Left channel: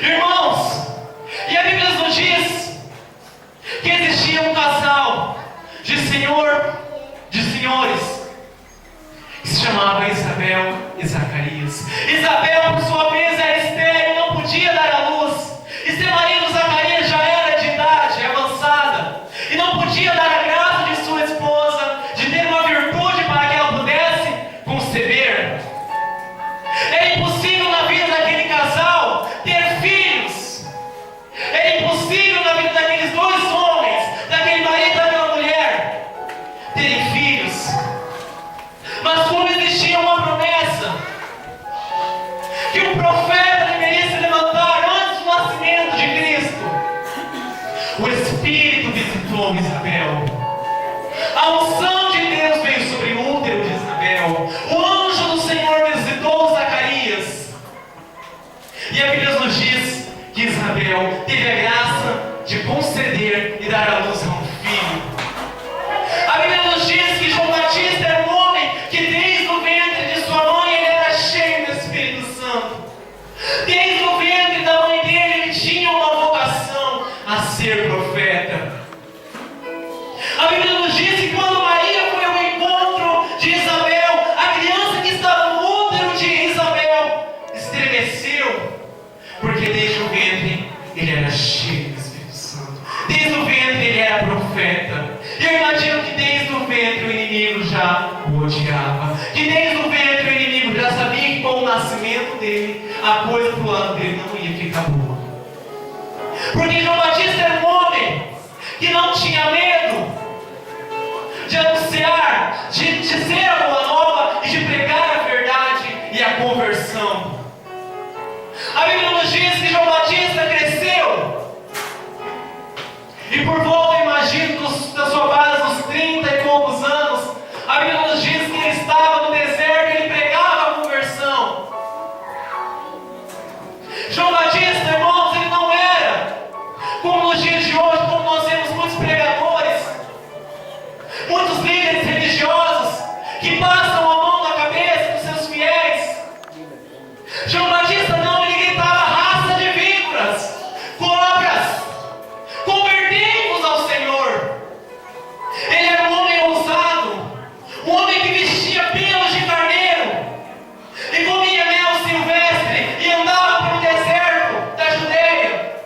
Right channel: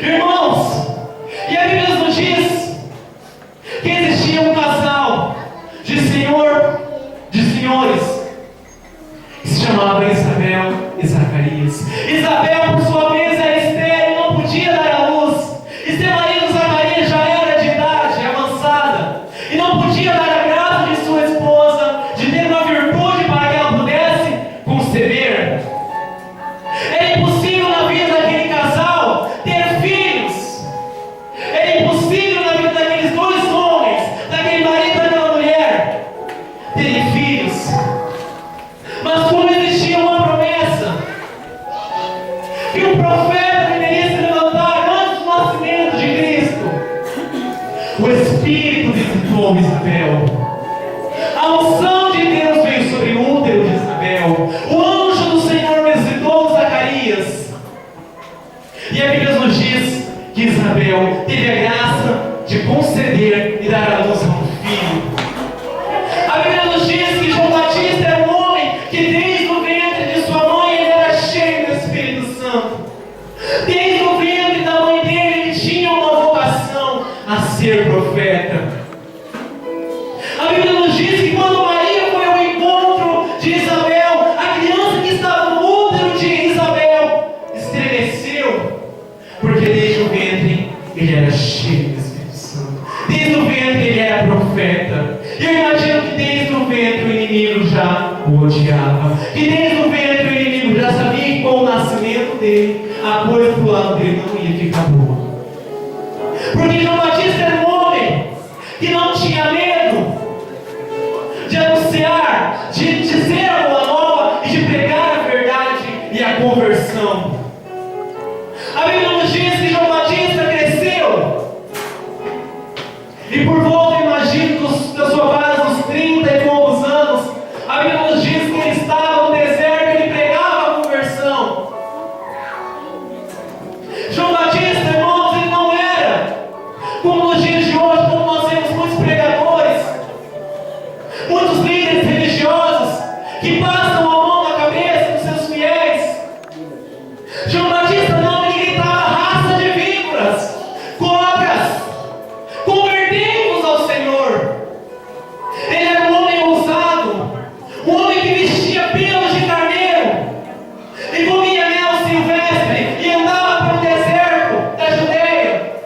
Irmãos, e a Bíblia nos diz que existia um casal de senhores, que se chamava Isabel e Zacarias. Isabel, por sua vez, era estéril e não podia dar à luz. E seu marido Zacarias já era de idade avançada e não podia dar a graça de sua esposa, de ter uma virtude para que ela pudesse conceber. Era impossível na vida daquele casal ter filhos. Era impossível na vida daqueles dois homens, daquele marido e daquela mulher, terem filhos. Mas como existia uma promessa que um profeta deveria se levantar antes do nascimento de Cristo, o Espírito visitou Isabel. A unção de Deus veio sobre o útero de Isabel. O anjo do Senhor visitou Zacarias. E a Bíblia nos diz que Isabel teve a graça de conceder e dar à luz a um filho. A Bíblia nos diz que João Batista era um homem que desde o ventre de sua mãe ele era cheio do Espírito Santo. Desde o ventre da mãe dele ele tinha uma vocação a ser profeta. A Bíblia nos diz que quando Maria foi ao encontro de Isabel, a criança que estava no útero de Isabel estremeceu, porque desde o ventre ele era cheio do Espírito Santo. Desde o ventre ele era profeta. Eu imagino que desde o ventre o inimigo já o odiava. Que desde o ventre o inimigo já sabia que com o nascimento dele, a coisa pro lado dele não ia ficar boa. Porque João Batista era um homem que não tinha medo de anunciar, de dizer a boa nova e de pregar a verdade e a conversão. A Bíblia nos diz que João Batista cresceu e por volta, imagino, da sua base, uns 30 e poucos anos, a Bíblia nos diz que ele estava no deserto e ele pregava a conversão. João Batista, irmãos, ele não era como nos dias de hoje, como nós vemos muitos pregadores, muitos líderes religiosos que passam a mão na cabeça dos seus fiéis. João Batista não, ele gritava: raça de víboras, cobras, convertei-vos ao Senhor. Ele era um homem ousado, um homem que vestia pelos de carneiro e comia mel silvestre e andava pelo deserto da Judeia.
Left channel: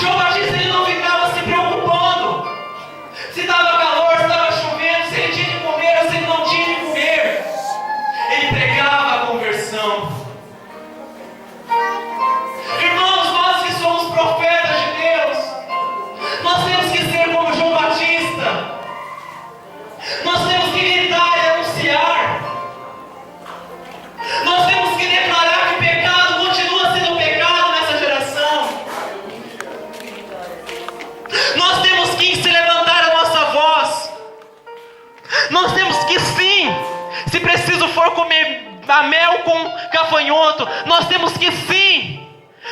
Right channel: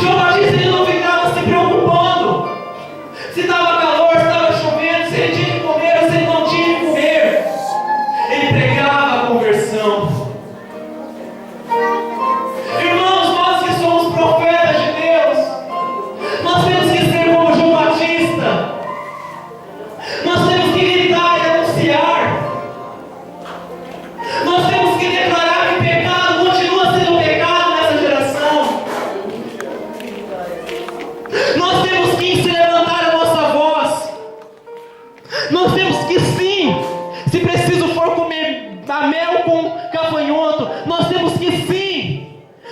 João Batista, ele não ficava se preocupando se estava calor, se estava chovendo, se ele tinha que comer ou se ele não tinha que comer. Ele pregava a conversão. Irmãos, nós que somos profetas de Deus, nós temos que ser como João Batista. Nós temos que gritar e anunciar. Nós temos que declarar que o pecado continua sendo pecado nessa geração. Nós temos que se levantar a nossa voz. Nós temos que sim, se preciso for comer a mel com gafanhoto, nós temos que sim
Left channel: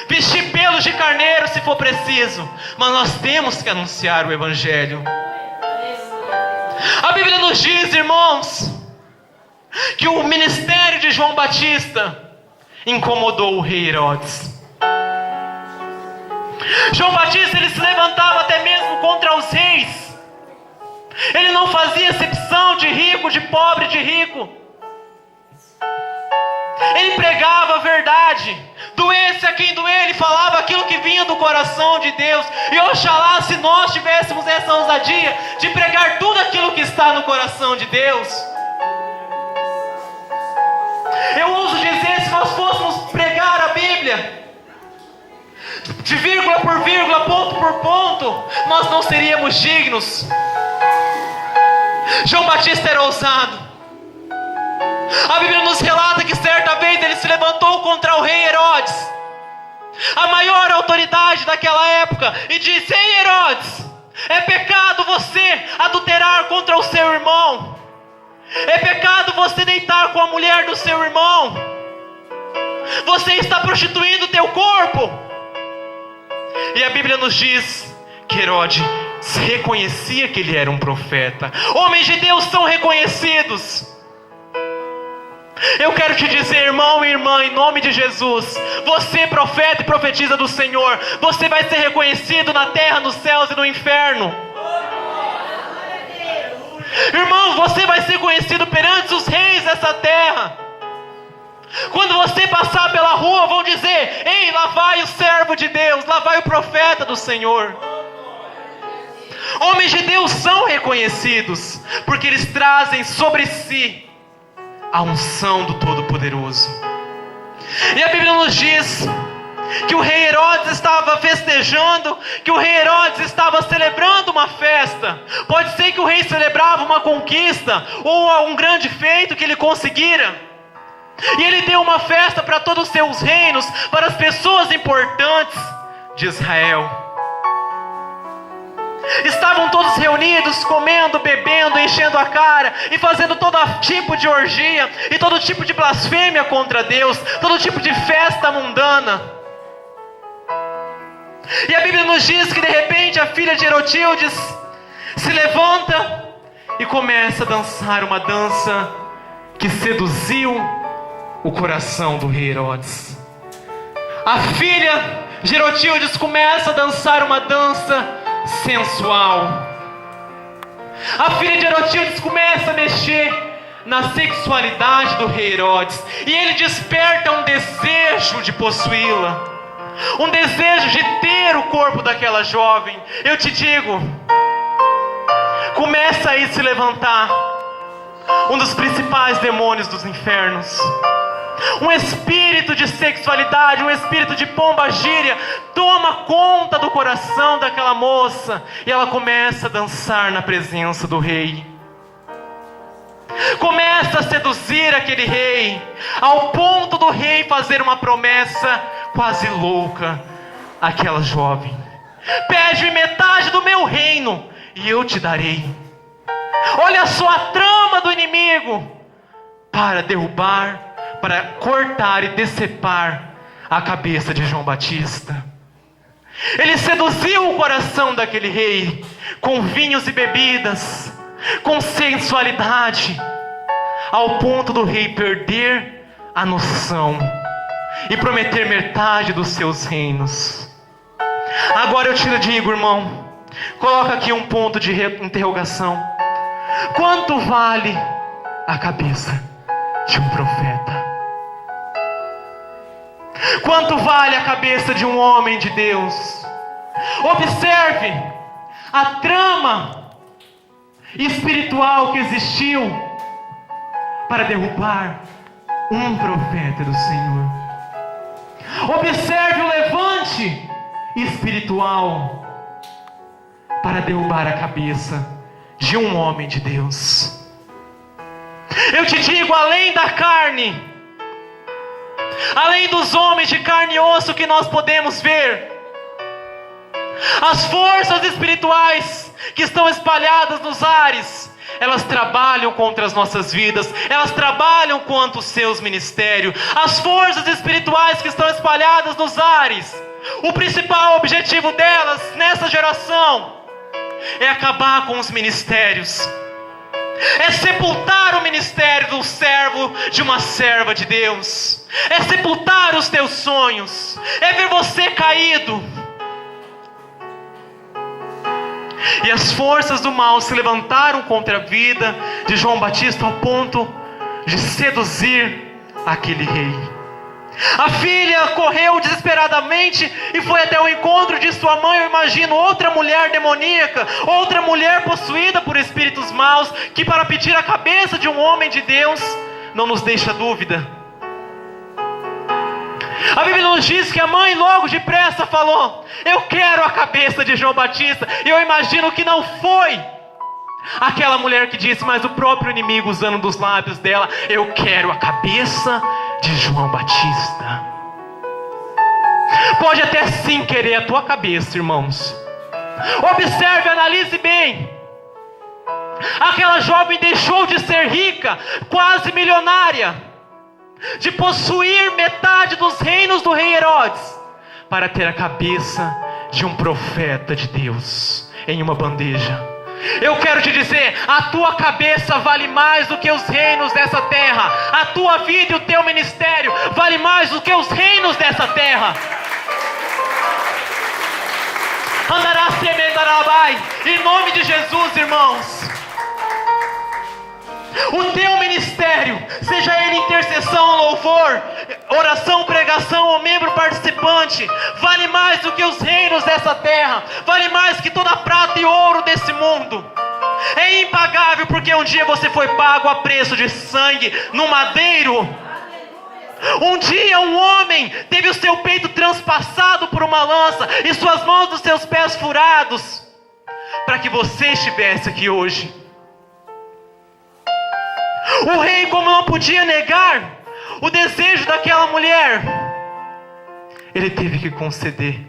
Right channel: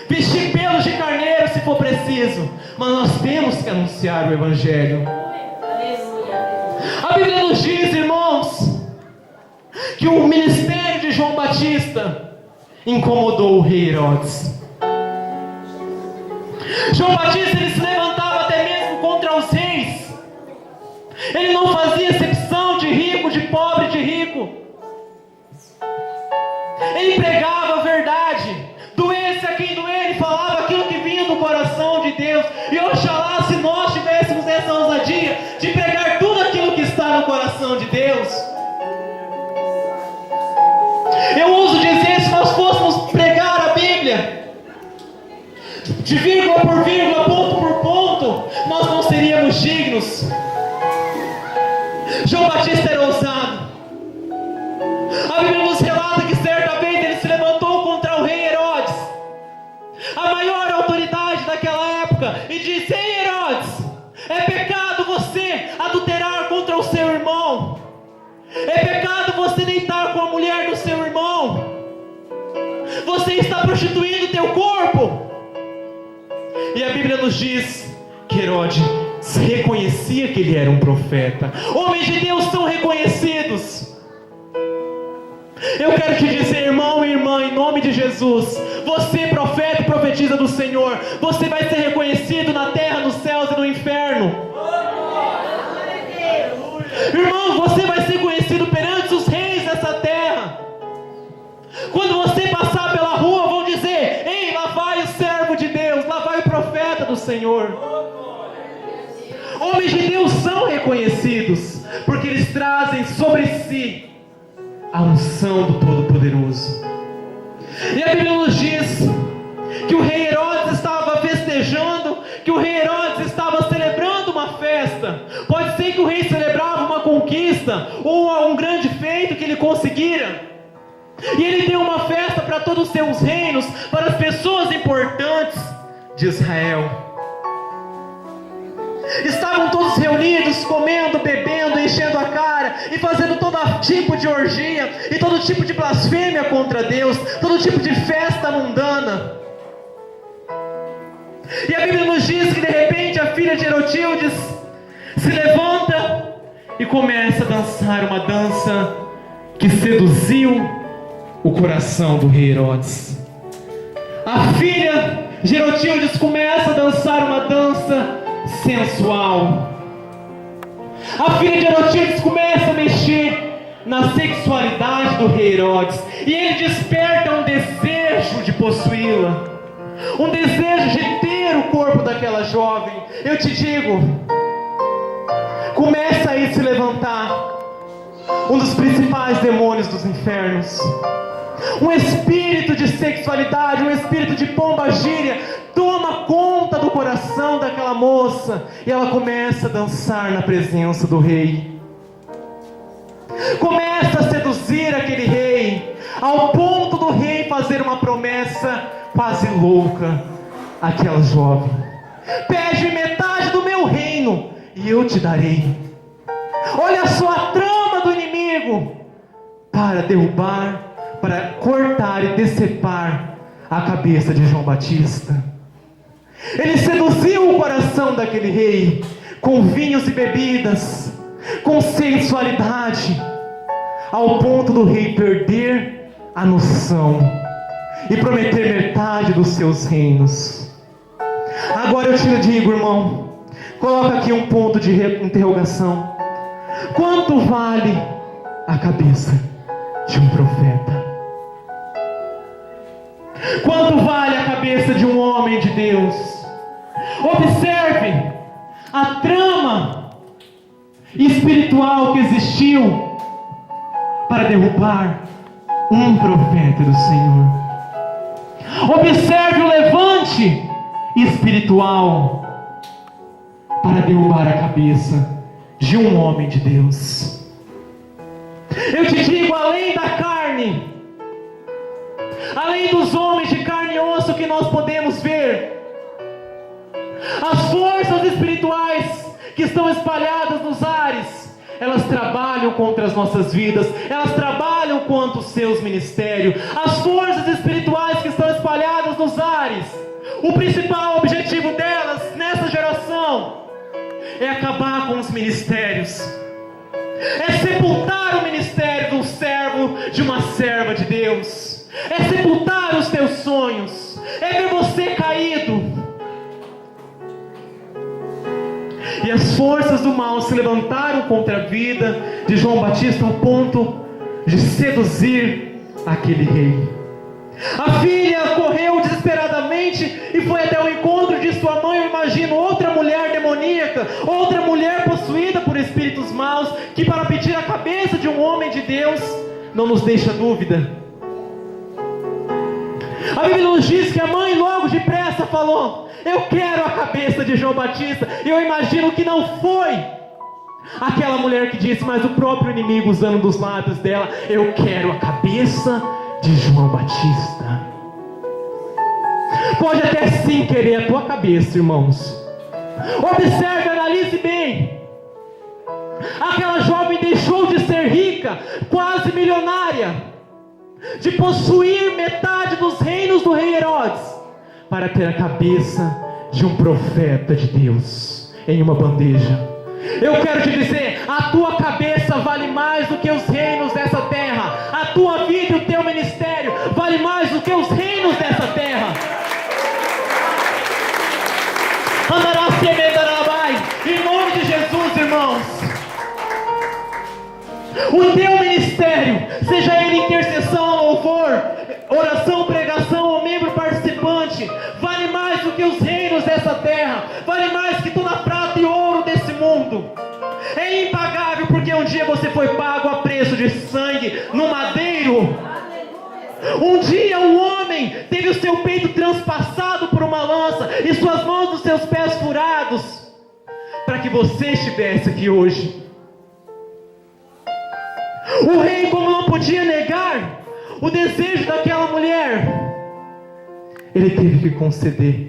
vestir pelos de carneiro se for preciso, mas nós temos que anunciar o Evangelho. A Bíblia nos diz, irmãos, que o ministério de João Batista incomodou o rei Herodes. João Batista, ele se levantava até mesmo contra os reis. Ele não fazia acepção de rico, de pobre, de rico. Ele pregava a verdade, doesse a quem doer, ele falava aquilo que vinha do coração de Deus. E oxalá se nós tivéssemos essa ousadia de pregar tudo aquilo que está no coração de Deus. Eu ouso dizer, se nós fôssemos pregar a Bíblia de vírgula por vírgula, ponto por ponto, nós não seríamos dignos. João Batista era ousado. A Bíblia nos relata que certa vez ele se levantou contra o rei Herodes, a maior autoridade daquela época, e disse: ei Herodes, é pecado você adulterar contra o seu irmão. É pecado você deitar com a mulher do seu irmão. Você está prostituindo o teu corpo. E a Bíblia nos diz que Herodes reconhecia que ele era um profeta. Homens de Deus são reconhecidos. Eu quero te dizer, irmão e irmã, em nome de Jesus, você, profeta e profetiza do Senhor, você vai ser reconhecido na terra, nos céus e no inferno. Irmão, você vai ser conhecido perante os reis dessa terra. Quando você passar pela rua, vão dizer: ei, lá vai o servo de Deus, lá vai o profeta do Senhor. Homens de Deus são reconhecidos, porque eles trazem sobre si a unção do Todo-Poderoso. E a Bíblia nos diz que o rei Herodes estava festejando, que o rei Herodes estava celebrando uma festa. Pode ser que o rei celebrava uma conquista, ou um grande feito que ele conseguira. E ele deu uma festa para todos os seus reinos, para as pessoas importantes de Israel. Estavam todos reunidos, comendo, bebendo, enchendo a cara e fazendo todo tipo de orgia e todo tipo de blasfêmia contra Deus, todo tipo de festa mundana. E a Bíblia nos diz que de repente a filha de Herotíades se levanta e começa a dançar uma dança que seduziu o coração do rei Herodes. A filha de Herotíades começa a dançar uma dança sensual. A filha de Herotíades começa a mexer na sexualidade do rei Herodes, e ele desperta um desejo de possuí-la, um desejo de ter o corpo daquela jovem. Eu te digo, começa aí a se levantar um dos principais demônios dos infernos. Um espírito de sexualidade, um espírito de pombagira toma conta do coração daquela moça, e ela começa a dançar na presença do rei. Começa a seduzir aquele rei, ao ponto do rei fazer uma promessa quase louca àquela jovem: pede metade do meu reino e eu te darei. Olha só a trama do inimigo para derrubar, para cortar e decepar a cabeça de João Batista. Ele seduziu o coração daquele rei com vinhos e bebidas, com sensualidade, ao ponto do rei perder a noção e prometer metade dos seus reinos. Agora eu te digo, irmão, coloca aqui um ponto de interrogação: quanto vale a cabeça de um profeta? Quanto vale a cabeça de um homem de Deus? Observe a trama espiritual que existiu para derrubar um profeta do Senhor. Observe o levante espiritual para derrubar a cabeça de um homem de Deus. Eu te digo, além da carne, além dos homens de carne e osso que nós podemos ver, as forças espirituais que estão espalhadas nos ares, elas trabalham contra as nossas vidas, elas trabalham contra os seus ministérios. As forças espirituais que estão espalhadas nos ares, o principal objetivo delas nessa geração é acabar com os ministérios, é sepultar o ministério do servo, de uma serva de Deus, é sepultar os teus sonhos, é ver você caído. E as forças do mal se levantaram contra a vida de João Batista ao ponto de seduzir aquele rei. A filha correu desesperadamente e foi até o encontro de sua mãe. Eu imagino outra mulher demoníaca, outra mulher possuída por espíritos maus, que para pedir a cabeça de um homem de Deus não nos deixa dúvida. A Bíblia nos diz que a mãe logo depressa falou: eu quero a cabeça de João Batista. E eu imagino que não foi aquela mulher que disse, mas o próprio inimigo usando dos lábios dela: eu quero a cabeça de João Batista. Pode até sim querer a tua cabeça, irmãos. Observe, analise bem. Aquela jovem deixou de ser rica, quase milionária, de possuir metade dos reinos do rei Herodes, para ter a cabeça de um profeta de Deus em uma bandeja. Eu quero te dizer, a tua cabeça vale mais do que os reinos dessa terra. A tua vida e o teu ministério vale mais do que os reinos dessa terra. Andará semendarabai, em nome de Jesus, irmãos. O teu ministério, seja ele intercessão, louvor, oração, pregação ou membro participante, vale mais do que os reinos dessa terra, vale mais que toda a prata e ouro desse mundo. É impagável, porque um dia você foi pago a preço de sangue no madeiro. Um dia um homem teve o seu peito transpassado por uma lança e suas mãos dos seus pés furados, para que você estivesse aqui hoje. O rei, como não podia negar o desejo daquela mulher, ele teve que conceder.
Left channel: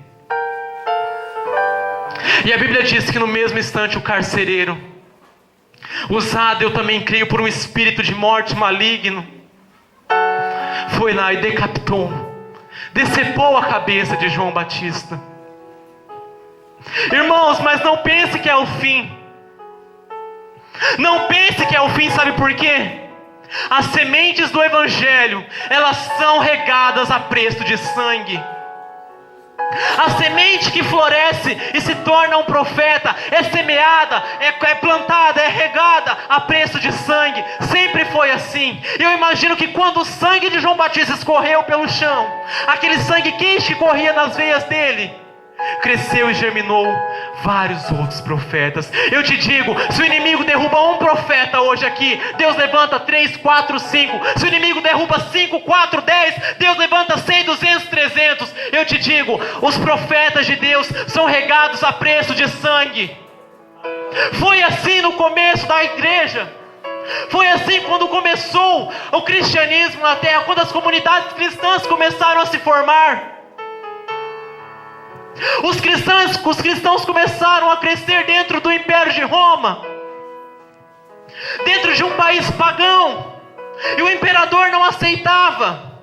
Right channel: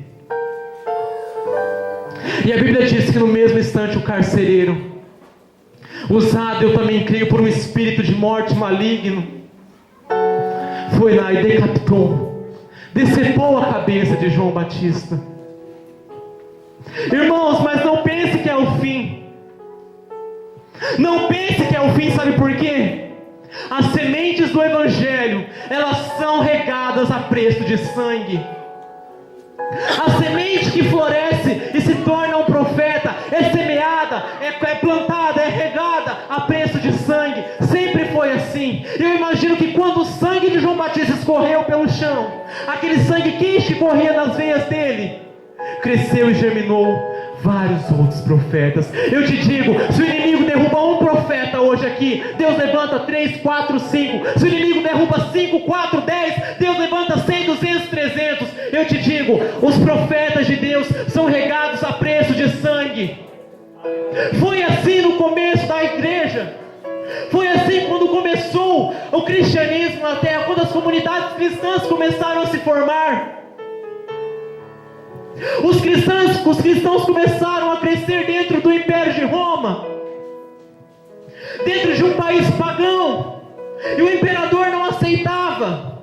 E a Bíblia diz que no mesmo instante o carcereiro, usado, eu também creio, por um espírito de morte maligno, foi lá e decapitou, decepou a cabeça de João Batista. Irmãos, mas não pense que é o fim. Não pense que é o fim, sabe por quê? As sementes do Evangelho, elas são regadas a preço de sangue. A semente que floresce e se torna um profeta é semeada, é plantada, é regada a preço de sangue. Sempre foi assim. Eu imagino que quando o sangue de João Batista escorreu pelo chão, aquele sangue quente que corria nas veias dele, cresceu e germinou vários outros profetas. Eu te digo, se o inimigo derruba um profeta hoje aqui, Deus levanta 3, 4, 5. Se o inimigo derruba 5, 4, 10, Deus levanta 100, 200, 300. Eu te digo, os profetas de Deus são regados a preço de sangue. Foi assim no começo da igreja. Foi assim quando começou o cristianismo na terra, quando as comunidades cristãs começaram a se formar. Os cristãos começaram a crescer dentro do Império de Roma, dentro de um país pagão, e o imperador não aceitava,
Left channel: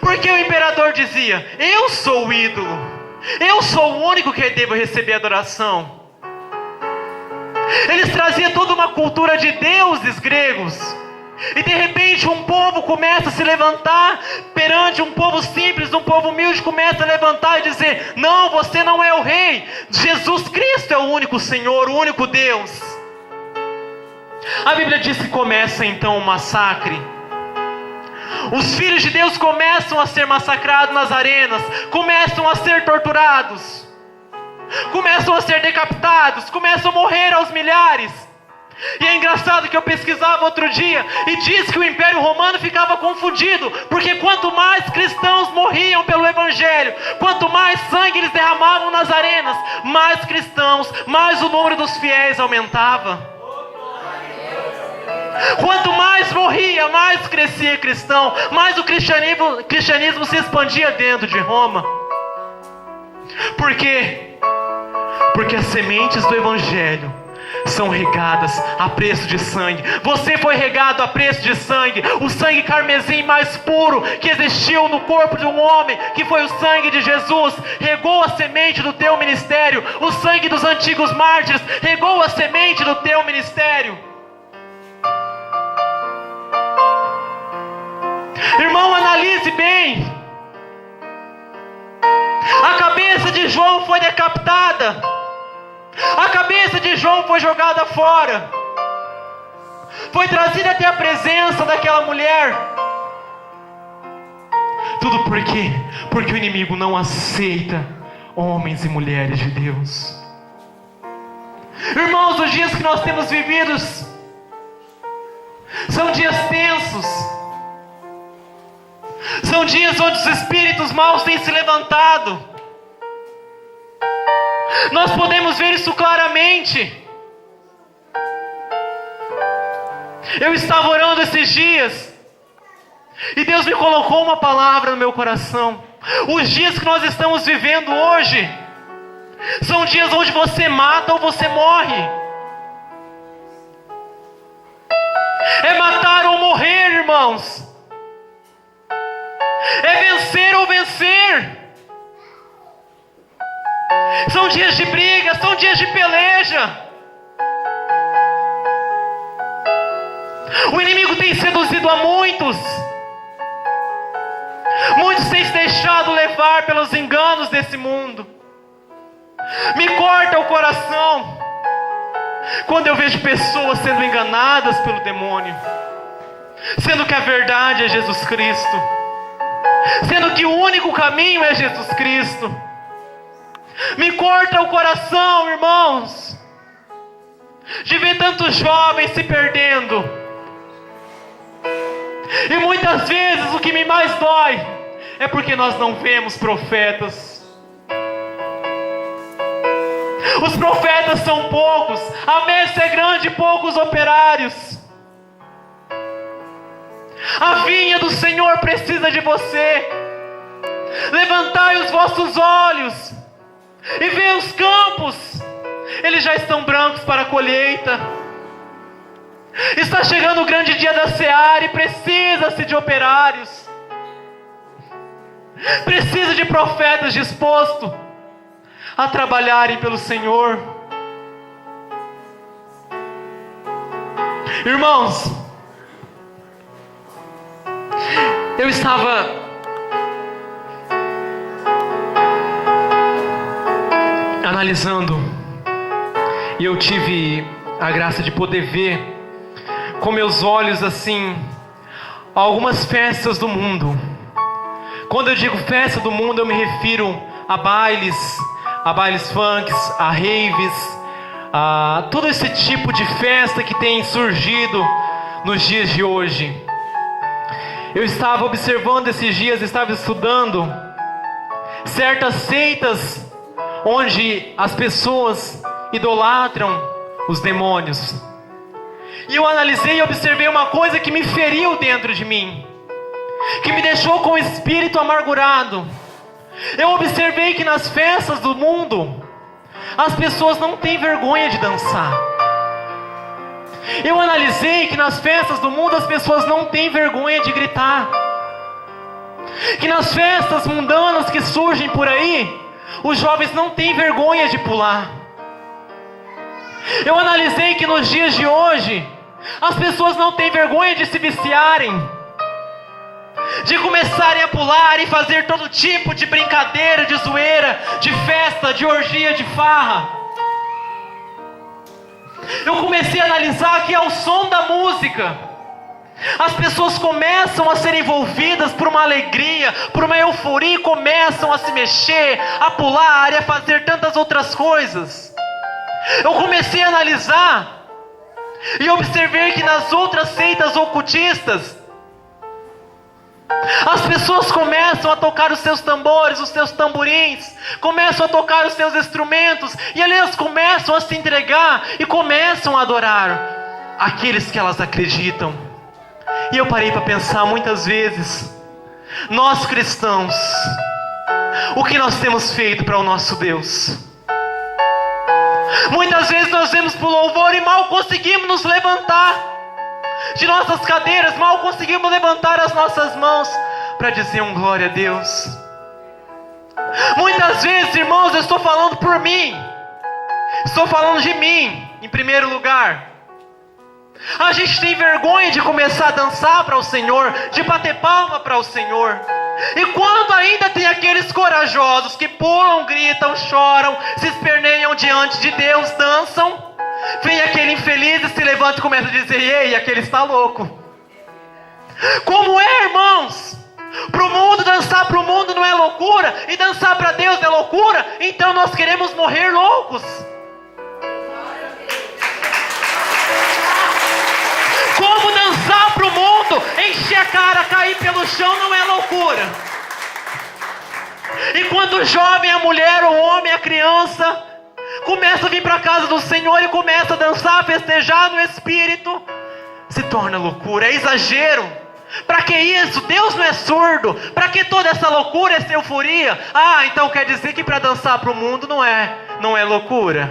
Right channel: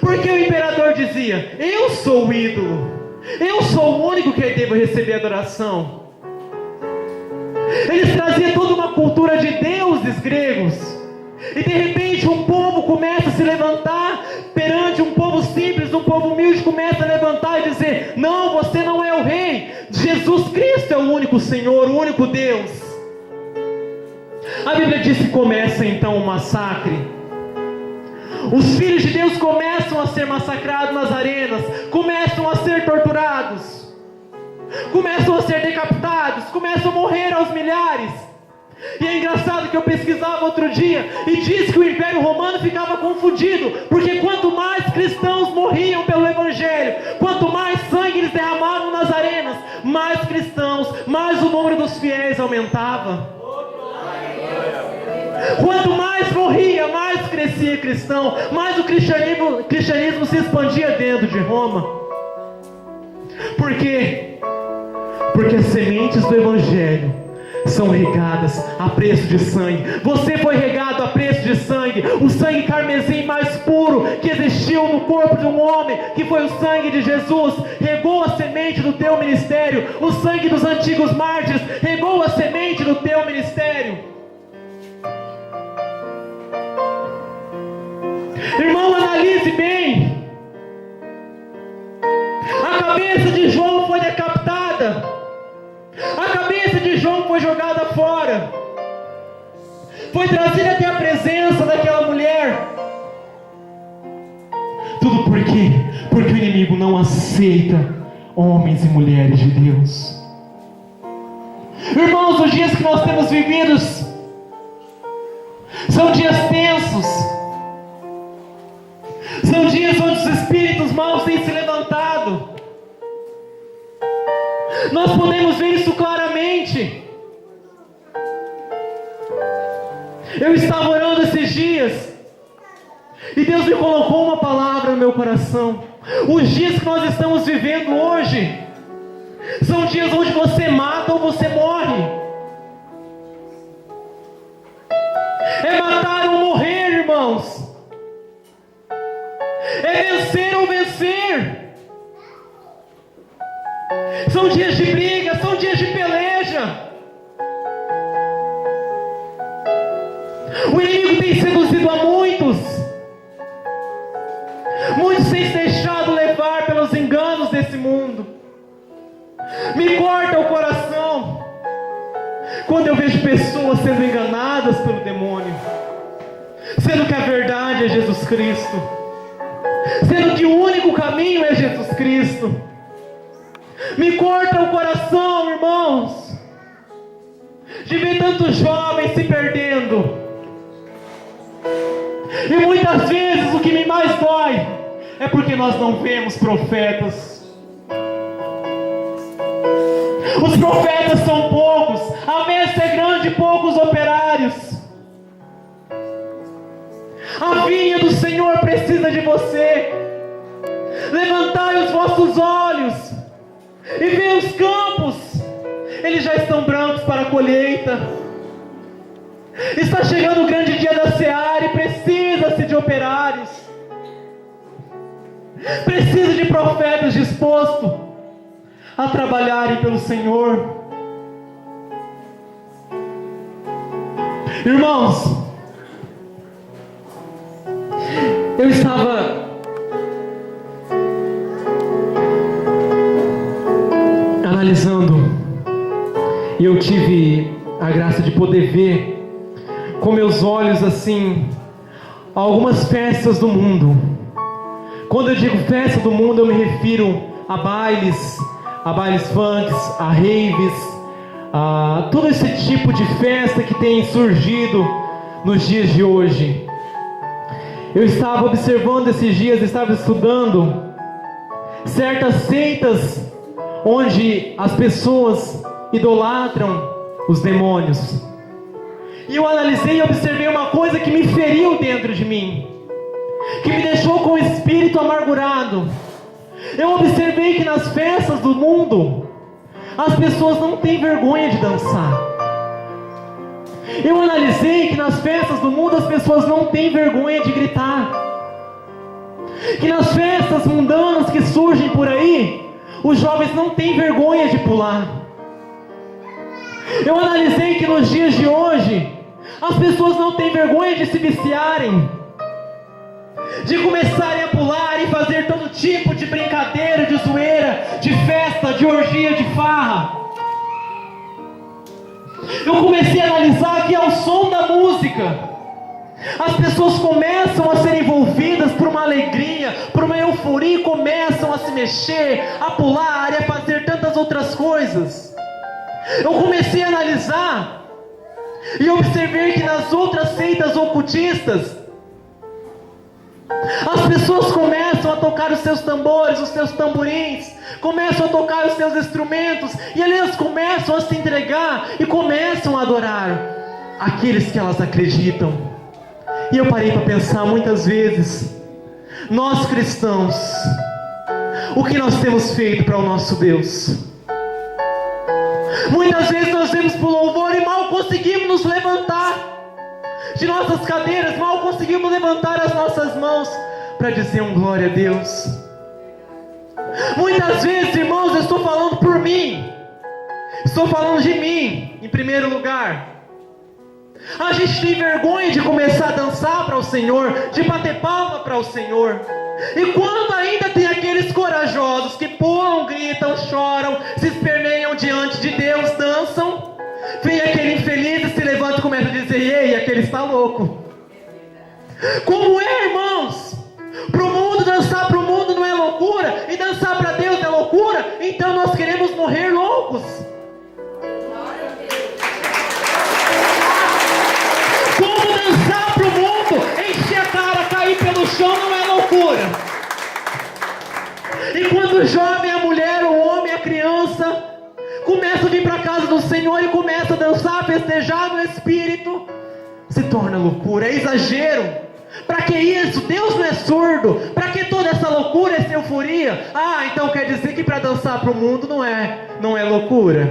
porque o imperador dizia: eu sou o ídolo, eu sou o único que devo receber adoração. Eles traziam toda uma cultura de deuses gregos. E de repente um povo começa a se levantar perante um povo simples, um povo humilde começa a levantar e dizer: não, você não é o rei, Jesus Cristo é o único Senhor, o único Deus. A Bíblia diz que começa então um massacre. Os filhos de Deus começam a ser massacrados nas arenas, começam a ser torturados, começam a ser decapitados, começam a morrer aos milhares. E é engraçado que eu pesquisava outro dia e diz que o Império Romano ficava confundido, porque quanto mais cristãos morriam pelo Evangelho, quanto mais sangue eles derramavam nas arenas, mais cristãos, mais o número dos fiéis aumentava. Quanto mais morria, mais crescia cristão, mais o cristianismo se expandia dentro de Roma. Por quê? Porque as sementes do Evangelho são regadas a preço de sangue. Você foi regado a preço de sangue. O sangue carmesim mais puro que existiu no corpo de um homem, que foi o sangue de Jesus, regou a semente do teu ministério. O sangue dos antigos mártires regou a semente do teu ministério. Irmão, analise bem. A cabeça de João foi decapitada. A cabeça de João foi jogada fora. Foi trazida até a presença daquela mulher. Tudo por quê? Porque o inimigo não aceita homens e mulheres de Deus. Irmãos, os dias que nós temos vividos são dias tensos. São dias onde os espíritos maus têm se levantado. Nós podemos ver isso claramente. Eu estava orando esses dias e Deus me colocou uma palavra no meu coração. Os dias que nós estamos vivendo hoje são dias onde você mata ou você morre. É matar ou morrer, irmãos. É vencer ou vencer. São dias de briga, são dias de peleja. O inimigo tem seduzido a muitos. Muitos têm se deixado levar pelos enganos desse mundo. Me corta o coração quando eu vejo pessoas sendo enganadas pelo demônio, sendo que a verdade é Jesus Cristo, sendo que o único caminho é Jesus Cristo. Me corta o coração, irmãos, de ver tantos jovens se perdendo. E muitas vezes o que me mais dói é porque nós não vemos profetas. Os profetas são poucos, a messe é grande e poucos operários. A vinha do Senhor precisa de você. Levantai os vossos olhos e vê os campos, eles já estão brancos para a colheita. Está chegando o grande dia da seara e precisa-se de operários. Precisa de profetas dispostos a trabalharem pelo Senhor. Irmãos, eu estava analisando e eu tive a graça de poder ver com meus olhos assim algumas festas do mundo. Quando eu digo festa do mundo, eu me refiro a bailes funks, a raves, a todo esse tipo de festa que tem surgido nos dias de hoje. Eu estava observando esses dias, estava estudando certas seitas onde as pessoas idolatram os demônios. E eu analisei e observei uma coisa que me feriu dentro de mim, que me deixou com o espírito amargurado. Eu observei que nas festas do mundo as pessoas não têm vergonha de dançar. Eu analisei que nas festas do mundo as pessoas não têm vergonha de gritar. Que nas festas mundanas que surgem por aí, os jovens não têm vergonha de pular. Eu analisei que nos dias de hoje as pessoas não têm vergonha de se viciarem, de começarem a pular e fazer todo tipo de brincadeira, de zoeira, de festa, de orgia, de farra. Eu comecei a analisar que ao som da música as pessoas começam a ser envolvidas por uma alegria, por uma euforia, e começam a se mexer, a pular e a fazer tantas outras coisas. Eu comecei a analisar e observei que nas outras seitas ocultistas as pessoas começam a tocar os seus tambores, os seus tamborins, começam a tocar os seus instrumentos, e ali elas começam a se entregar e começam a adorar aqueles que elas acreditam. E eu parei para pensar muitas vezes, nós cristãos, o que nós temos feito para o nosso Deus? Muitas vezes nós vemos para o louvor e mal conseguimos nos levantar de nossas cadeiras, mal conseguimos levantar as nossas mãos para dizer um glória a Deus. Muitas vezes, irmãos, eu estou falando por mim, estou falando de mim em primeiro lugar. A gente tem vergonha de começar a dançar para o Senhor, de bater palma para o Senhor. E quando ainda tem aqueles corajosos que pulam, gritam, choram, se esperneiam diante de Deus, dançam, vem aquele infeliz e se levanta e começa a dizer: ei, aquele está louco. Como é, irmãos? Para o mundo, dançar para o mundo não é loucura, e dançar para Deus é loucura. Então nós queremos morrer loucos. Como dançar para o mundo, encher a cara, cair pelo chão não é loucura. E quando o jovem, a mulher, o homem, a criança começa a vir para a casa do Senhor e começa a dançar, festejar no Espírito, se torna loucura, é exagero. Para que isso? Deus não é surdo. Para que toda essa loucura, essa euforia? Ah, então quer dizer que para dançar para o mundo não é loucura.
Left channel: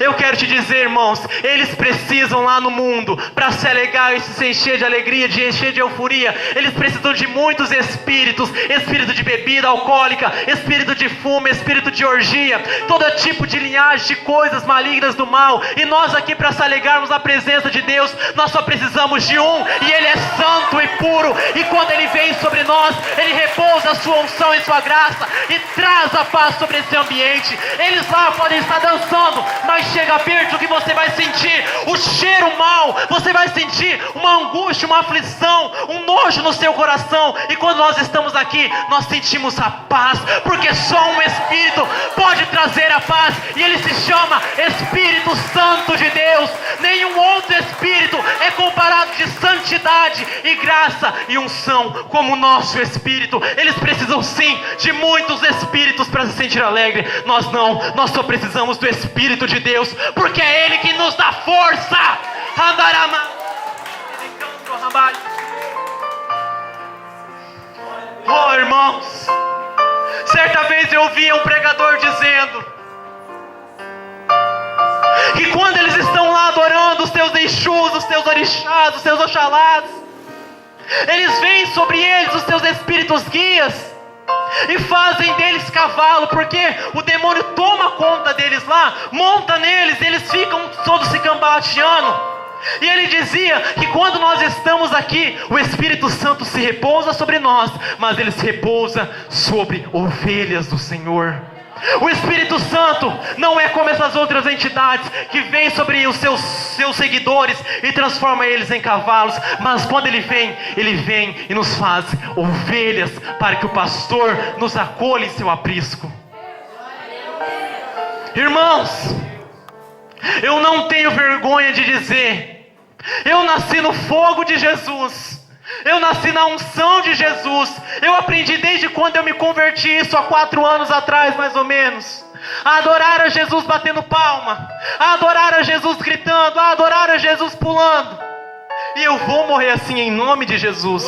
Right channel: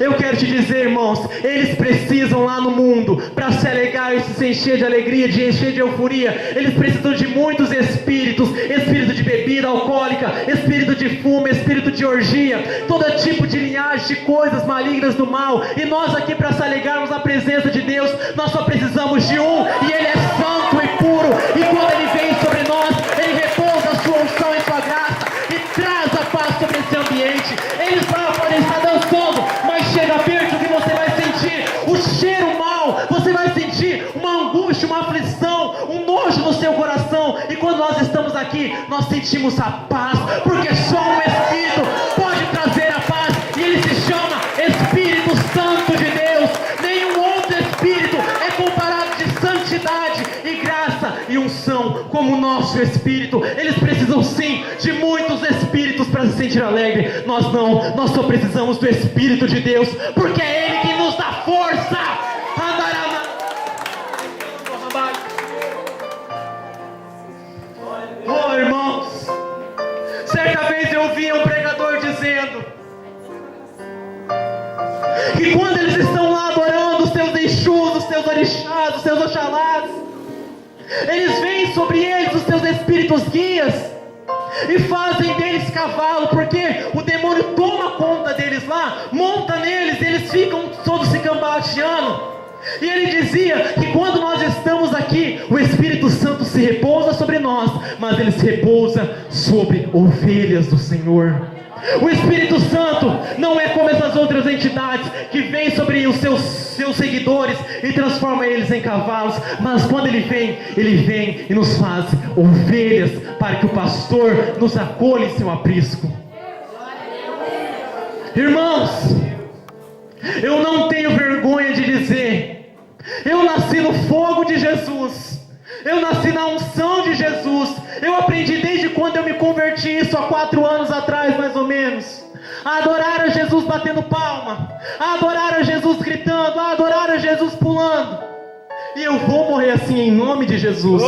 Eu quero te dizer, irmãos, eles precisam lá no mundo, para se alegrar e se encher de alegria, de encher de euforia, eles precisam de muitos espíritos, espírito de bebida alcoólica, espírito de fumo, espírito de orgia, todo tipo de linhagem de coisas malignas do mal. E nós aqui, para se alegrarmos na presença de Deus, nós só precisamos de um, e Ele é santo e puro, e quando Ele vem sobre nós, Ele repousa a sua unção e sua graça, e traz a paz sobre esse ambiente. Eles lá podem estar dançando, mas chega perto que você vai sentir o cheiro mau, você vai sentir uma angústia, uma aflição, um nojo no seu coração. E quando nós estamos aqui, nós sentimos a paz, porque só um Espírito pode trazer a paz, e Ele se chama Espírito Santo de Deus. Nenhum outro Espírito é comparado de santidade e graça e unção como o nosso Espírito. Eles precisam sim de muitos Espíritos para se sentir alegre. Nós não, nós só precisamos do Espírito de Deus, porque é Ele que nos dá força. Oh, irmãos, certa vez eu ouvi um pregador dizendo que quando eles estão lá adorando os seus Exus, os seus orixás, os seus oxalás, eles veem sobre eles os seus espíritos guias e fazem deles cavalo, porque o demônio toma conta deles lá, monta neles, eles ficam todos se cambaleando. E ele dizia que quando nós estamos aqui, o Espírito Santo se repousa sobre nós, mas ele se repousa sobre ovelhas do Senhor. O Espírito Santo não é como essas outras entidades que vêm sobre os seus seguidores e transforma eles em cavalos, mas quando ele vem e nos faz ovelhas, para que o pastor nos acolha em seu aprisco. Irmãos, eu não tenho vergonha de dizer, eu nasci no fogo de Jesus, eu nasci na unção de Jesus. Eu aprendi desde quando eu me converti, isso há 4 anos atrás mais ou menos, a adorar a Jesus batendo palma, a adorar a Jesus gritando, a adorar a Jesus pulando. E eu vou morrer assim em nome de Jesus.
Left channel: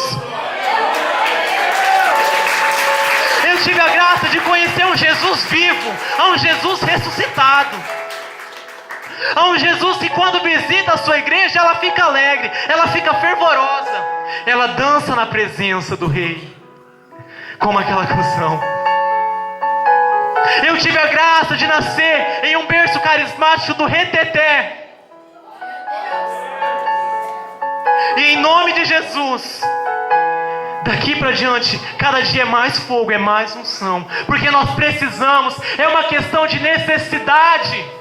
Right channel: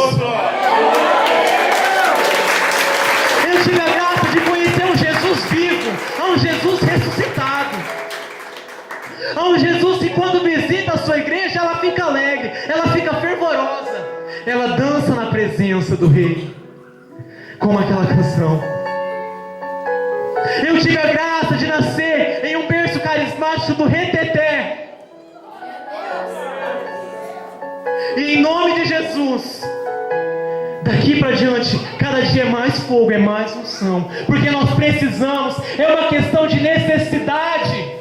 Eu tive a graça de conhecer um Jesus vivo, um Jesus ressuscitado, um Jesus que quando visita a sua igreja, ela fica alegre, ela fica fervorosa, ela dança na presença do Rei, como aquela canção. Eu tive a graça de nascer em um berço carismático do Reteté, e em nome de Jesus, daqui para diante, cada dia é mais fogo, é mais unção, porque nós precisamos, é uma questão de necessidade.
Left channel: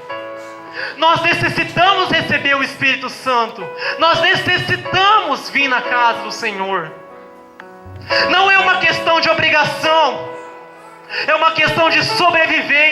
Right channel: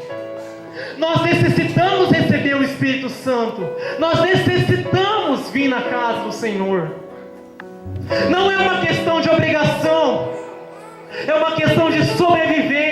Nós necessitamos receber o Espírito Santo, nós necessitamos vir na casa do Senhor. Não é uma questão de obrigação, é uma questão de sobrevivência.